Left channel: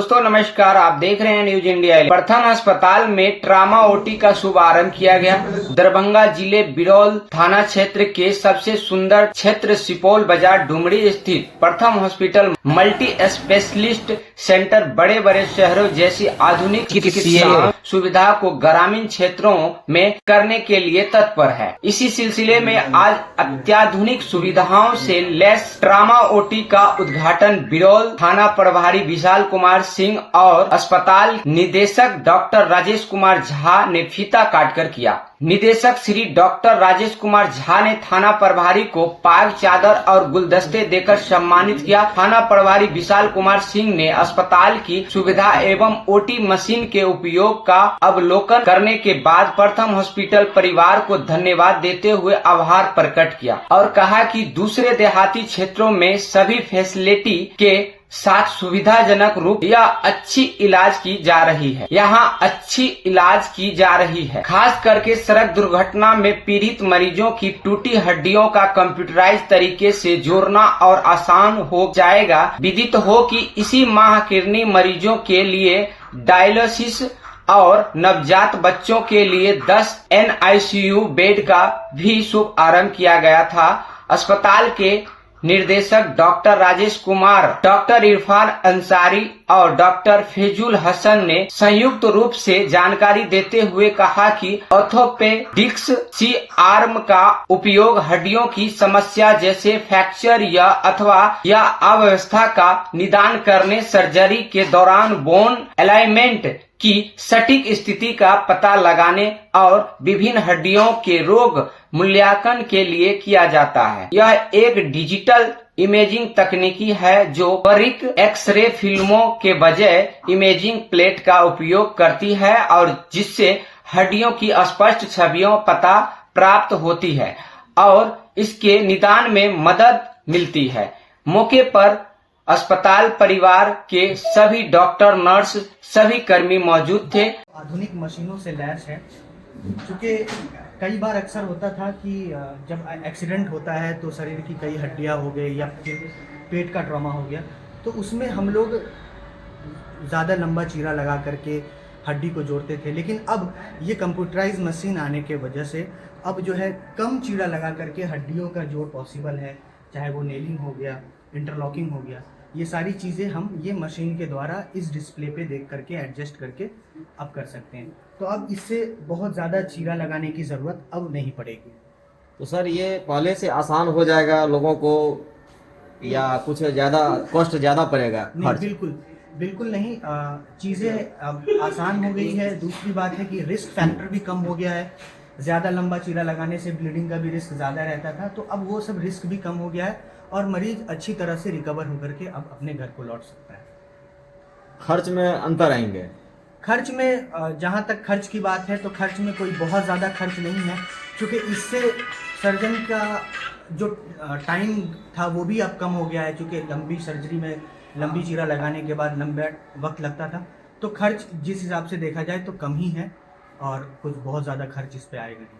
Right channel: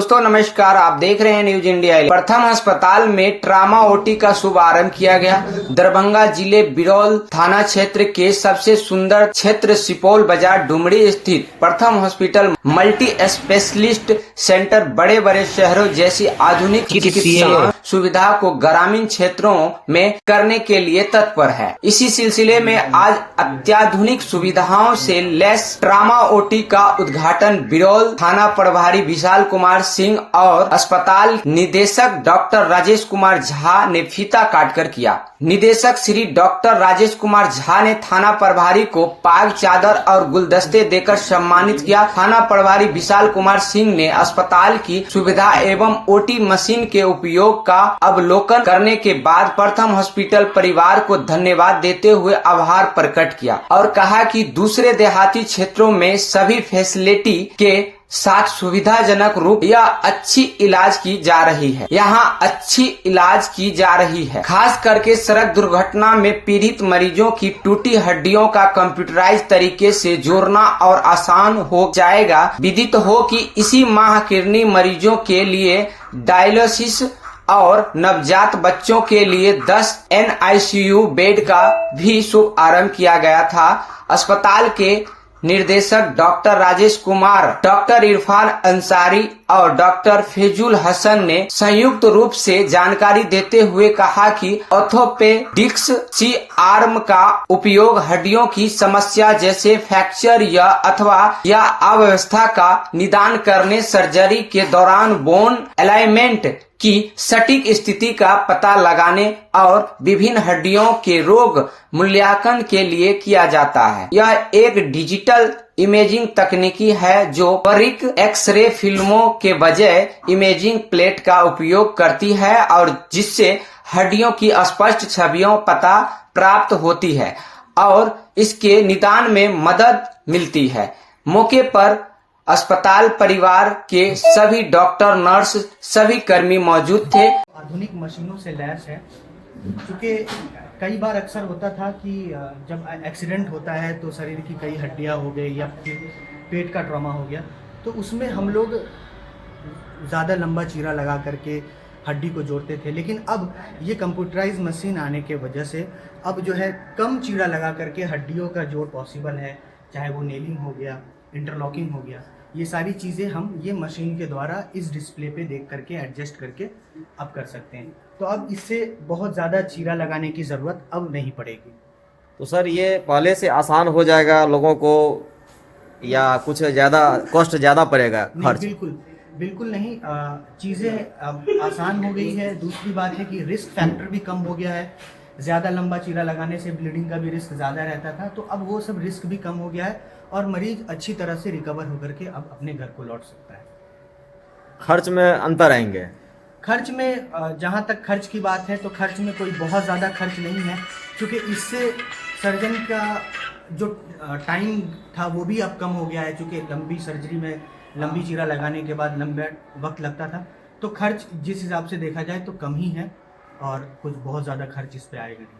दोस्तों नमस्कार, आप देख रहे हैं न्यूज इंडिया। प्रथम अस्पताल में ट्रामा ओटी का शुभारंभ किया गया। दरभंगा जिले बिरौल थाना क्षेत्र के सबसे सुंदर क्षेत्र सुपौल बाजार डुमरी स्थित प्रथम हॉस्पिटल मल्टी स्पेशलिस्ट सेंटर बड़े बड़े शहरों जैसी आधुनिक चिकित्सा सुविधा को ग्रामीण क्षेत्रों में करने के लिए तत्पर है। इसी सिलसिले में आज अत्याधुनिक सुविधाओं से लैस ट्रामा ओटी का उद्घाटन बिरौल थाना प्रभारी विशाल कुमार सिंह और अस्पताल निदेशक डॉक्टर राजेश कुमार झा ने फीता काटकर किया। निदेशक श्री डॉक्टर राजेश कुमार झा ने थाना प्रभारी को पाग चादर और गुलदस्ते देकर सम्मानित किया। थाना प्रभारी विशाल कुमार सिंह ने अस्पताल की सुविधा एवं ओटी मशीन के उपयोग का अवलोकन करने के बाद प्रथम हॉस्पिटल परिवार को धन्यवाद देते हुए आभार प्रकट किया और कहा कि दूसरे देहाती क्षेत्रों में सभी फैसिलिटी के साथ सुविधाजनक रूप या अच्छी इलाज की जा रही है। यहाँ अच्छी इलाज की जा रही है। खास करके सड़क दुर्घटना में पीड़ित मरीजों की टूटी हड्डियों का कंप्यूटराइज तरीके से जोड़ना और आसान हो जाएगा। विदित हो कि इसी माह किडनी मरीजों के लिए डायलिसिस और नवजात बच्चों के लिए 10 NICU बेड का भी शुभारंभ किया गया था। अस्पताल के निर्देशक डॉक्टर राजेश कुमार, डॉक्टर इरफान अंसारी और डॉक्टर फैजुल हसन ने संयुक्त रूप से जानकारी देते हुए कहा कि ऑर्थोपेडिक्स सी आर्म का उपयोग हड्डियों की समस्या जैसे फ्रैक्चर या अव्यवस्था का निदान करने, सर्जरी के दौरान बोन अलाइनमेंट की सटीक स्थिति का पता लगाने और विभिन्न हड्डियों के रोग मूल्यांकन के लिए किया जाता है। यह एक डिजिटल इमेजिंग तकनीकी है जो बारीक एक्सरे फिल्मों के बजाय इमेजिंग प्लेट का उपयोग करती है और जिससे हड्डियों की स्पष्ट छवियों पता प्राप्त होती है और इसके निदान में मदद मिलती है। मौके पर अस्पताल परिवार के सभी डॉक्टर, नर्स, सभी कर्मी मौजूद थे। आधुनिक मशीनों से लैस है, क्योंकि कई बार अक्सर होता था कि जब एक्सीडेंट होता है तो शरीर की कई हड्डियां हो गई या पेट का ट्रॉमा हो गया, तो उसमें हम लोग ज़्यादा लंबा चीरा लगा करके हड्डी को जोड़ते थे। लेकिन अब ये कंप्यूटराइज मशीन आने के वजह से अब जो है कम चीरा लगा करके हड्डियों का जोड़ पॉसिबल है। चाहे वो नेलिंग हो गया, इंटरलॉकिंग हो गया, ये सारी चीज़ें हम ये मशीन के द्वारा इस डिस्प्ले पे देख करके एडजस्ट करके अब कर सकते हैं। तो अब इससे बहुत ज़्यादा चीरा लगाने की ज़रूरत अब नहीं पड़ेगी। तो सर ये पहले से आसान हो जाएगा लोगों को या कुछ ज़्यादा कॉस्ट ज़्यादा पड़ेगा? नहीं, बिल्कुल नहीं। चीज़ें अब आसान हो गई है। दूसरी बात है कि रिस्क फैक्टर भी कम हो गया है। ज़्यादा लंबा चीरा लगाने से ब्लीडिंग का भी रिस्क ज़्यादा रहता था, तो अब वो सब रिस्क भी कम हो गया है और मरीज अच्छी तरह से रिकवर होकर के अब अपने घर को लौट सकता है। खर्च में अंतर आएंगे? खर्च में जहाँ तक खर्च की बात है तो खर्च में कोई बहुत ज़्यादा खर्च नहीं है, क्योंकि इससे सर्जन का जो टाइम था वो भी अब कम हो गया है। क्योंकि लंबी सर्जरी में लंबी चीरा लगाने के बाद लंबा वक्त लगता था, तो खर्च जिस हिसाब से देखा जाए तो कम ही है और कुछ बहुत ज़्यादा खर्च इस पे आएगा नहीं।